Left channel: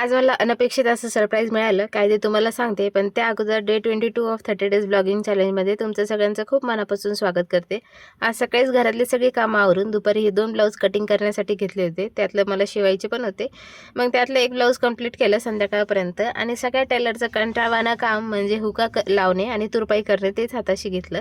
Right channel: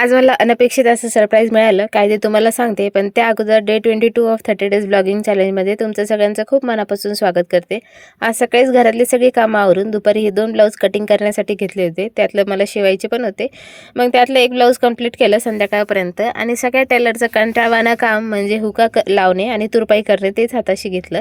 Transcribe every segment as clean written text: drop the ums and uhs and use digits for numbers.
आज मला अनपेक्षित असं सरप्राईज मिळालं, काय ते तुम्हाला सांगते. पण त्या अगोदर डे 22 ऑफ 30 डेज ब्लॉगिंग चॅलेंजमध्ये तुमचं सगळ्यांचं खूप मनापासून स्वागत करते. आज सकाळीच घरातली सगळी कामं आवरून दुपारी हे 2 ब्लाऊज कटिंग करण्यासाठी घेतले होते. त्यातलं मला शिवायचे पण होते. मग त्यातलं एक ब्लाऊज कंप्लीट केलं संध्याकाळपर्यंत आणि सगळ्या टेलरचं कंटाळवाणं काम म्हणजे हुका लावणे आणि तुरपाई करणे तेच हाताशी घेतलं.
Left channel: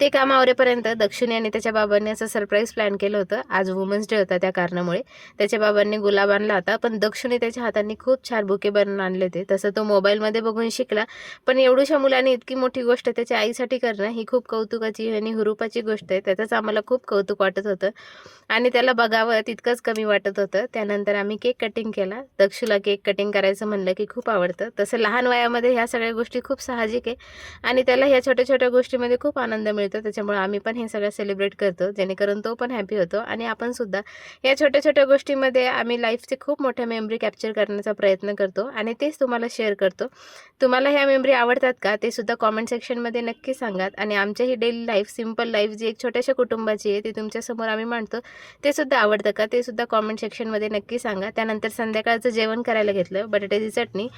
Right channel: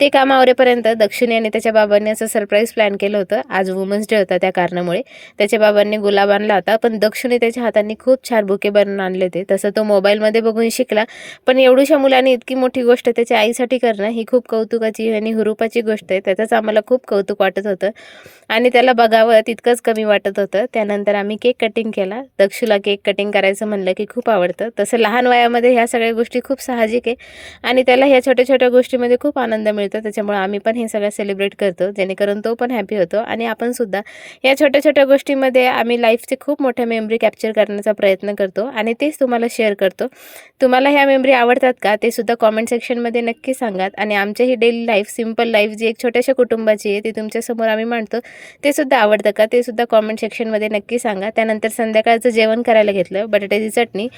ते काम आवरेपर्यंत दक्षिणी आणि त्याच्या बाबांनी असं सरप्राईज प्लॅन केलं होतं. आज वुमन्स डे होता त्या कारणामुळे. त्याच्या बाबांनी गुलाब आणला होता, पण दक्षिणी त्याच्या हातांनी खूप छान बुके बनवून आणले होते. तसं तो मोबाईलमध्ये बघून शिकला, पण एवढ्याशा मुलाने इतकी मोठी गोष्ट त्याच्या आईसाठी करणं ही खूप कौतुकाची आणि हुरूपाची गोष्ट आहे. त्याचंच आम्हाला खूप कौतुक वाटत होतं आणि त्याला बघावं तितकंच कमी वाटत होतं. त्यानंतर आम्ही केक कटिंग केला. दक्षूला केक कटिंग करायचं म्हणलं की खूप आवडतं. तसं लहान वयामध्ये ह्या सगळ्या गोष्टी खूप साहजिक आहे आणि त्याला ह्या छोट्या-छोट्या गोष्टीमध्ये खूप आनंद मिळतो. त्याच्यामुळे आम्ही पण हे सगळं सेलिब्रेट करतो, जेणेकरून तो पण हॅपी होतो आणि आपण सुद्धा या छोट्या-छोट्या गोष्टींमध्ये आम्ही लाईफचे खूप मोठ्या मेमरी कॅप्चर करण्याचा प्रयत्न करतो आणि तेच तुम्हाला शेअर करतो. तुम्हाला ह्या मेमरी आवडतात का? ते सुद्धा कॉमेंट सेक्शनमध्ये नक्की सांगात आणि आमची ही डेली लाईफ, सिंपल लाईफ जी एक छोट्याशा कुटुंबाची आहे, ती तुमच्यासमोर आम्ही मांडतो. ते सुद्धा आवडतं का? ते सुद्धा कॉमेंट सेक्शनमध्ये नक्की सांगा. त्यानंतर संध्याकाळचं जेवण करायला घेतलं. बटाट्याची चटणी,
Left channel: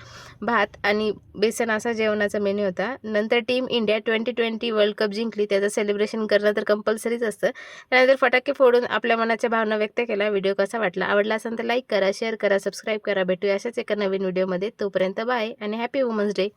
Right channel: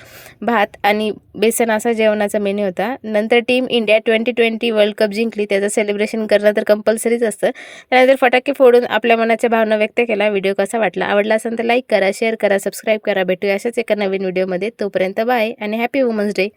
भात आणि बेसन असा जेवणाचा मेन्यू होता. नंतर टीम इंडिया 2020 वर्ल्ड कप जिंकली. त्याचं सेलिब्रेशन करणं तर कंपल्सरीच असतं. त्यानंतर फटाके फोडून आपल्या मनाच्या भावना व्यक्त केल्या. व्हिडिओ कसा वाटला? आवडला असेल तर लाईक करा, शेअर करा, सबस्क्राईब करा. भेटूया अशाच एका नवीन व्हिडिओमध्ये. तोपर्यंत बाय आणि हॅपी वुमन्स डे.